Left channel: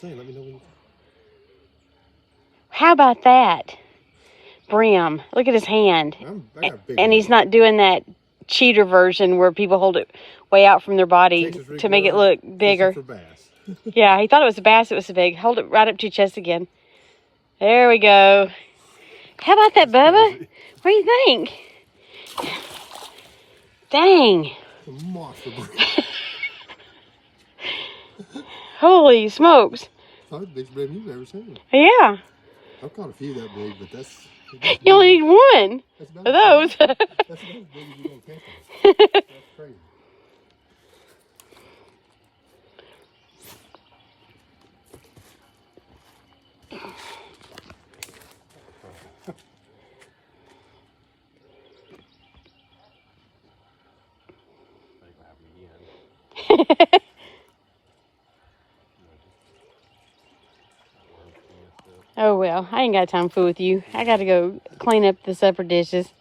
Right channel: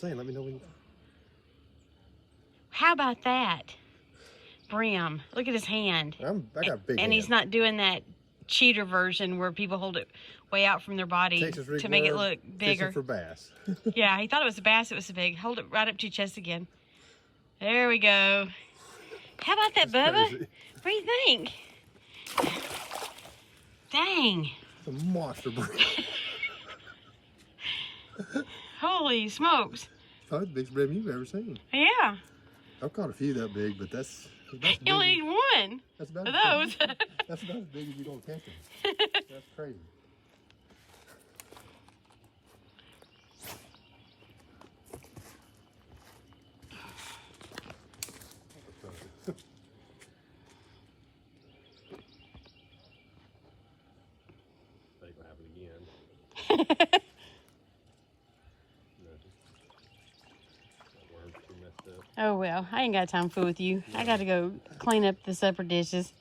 Say, let me know when you... How about that? Brim. Look at his hand. I got big and hands. he's not doing that cheater version where people hold it way out from their body to make it look bigger. For bass. Yeah, he thought it was a bass. It was so big. Hold it right up to your chest again. There we go. How about that, Bubba? Crazy. What do you think? Dang. It's a monster brim. Holy smokes. That's the biggest brim you've ever seen. Yeah. I've caught a few that big, but that's You only need one that's of those. That's about as big as you're going to catch them. That's crazy. Oh, well, I ain't got time to fool with you. I got to go clean up the supper dishes.